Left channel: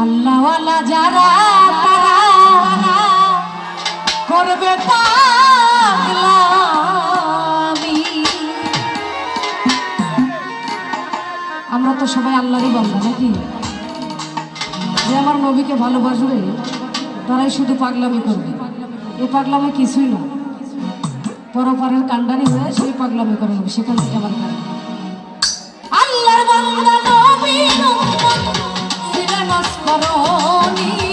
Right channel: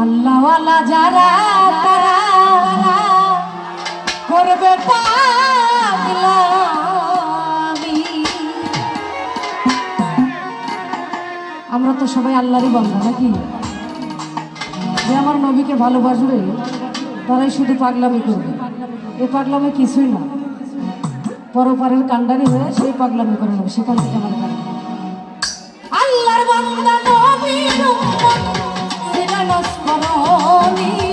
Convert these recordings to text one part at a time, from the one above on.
আল্লাহওয়ালা যারা তারা করবে আমরা তো সবাই আল্লাহরই বান্ধব নাকি? যে আমার নবীকে ভালোবাসবে, তারাই শুধু পাগলামি করবে। এই পাগলামি কিছুই না। পরপারের কান্ডারি হয়ে সেই পাগলামি করে। নেব সেখান থেকে আল্লাহর নস্করণী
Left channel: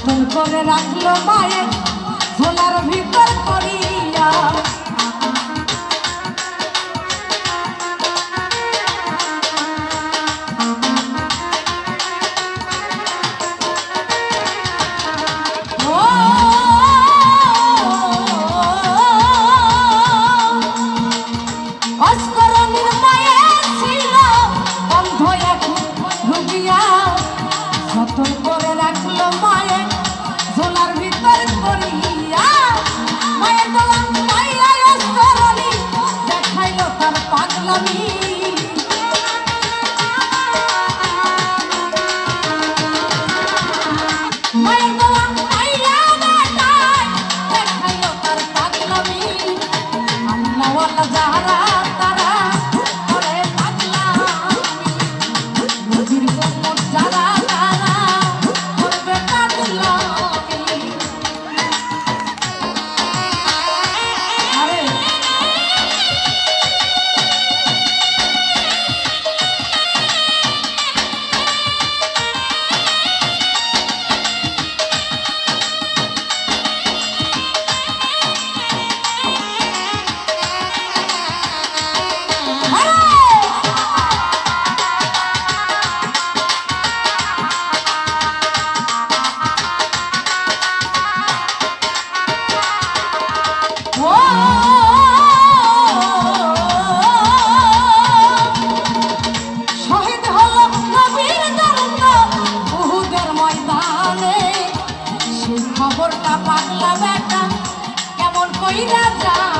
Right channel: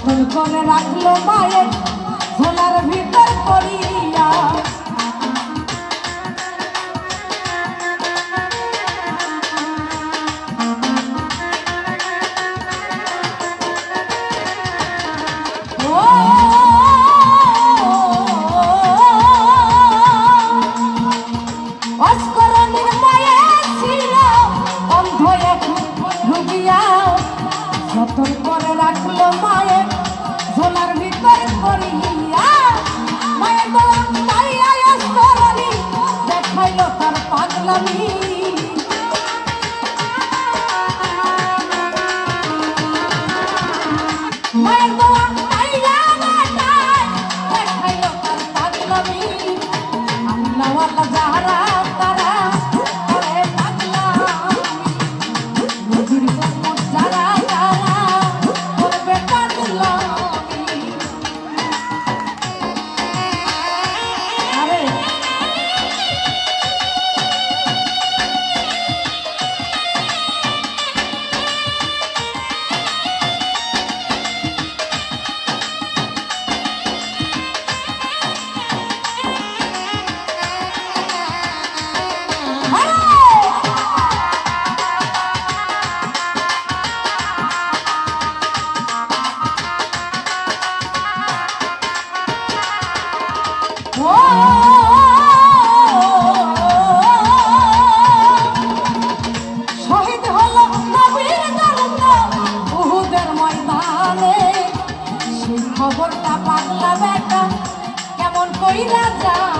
যতন করে রাখল মায়ের ঝোলার ভিতর করিয়া। অস্করণের মায়ে ছিল অন্ধ মহিলা যা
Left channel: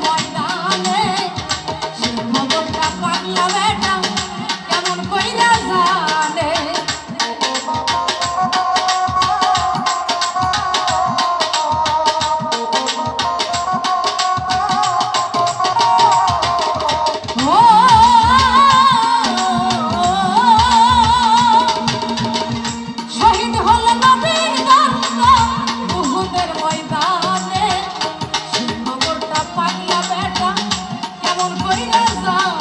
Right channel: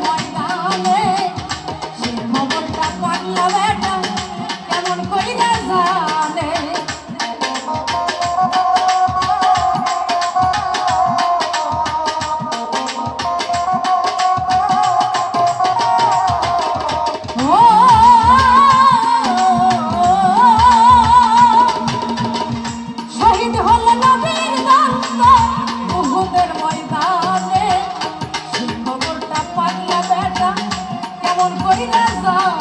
Bye. এমন করি না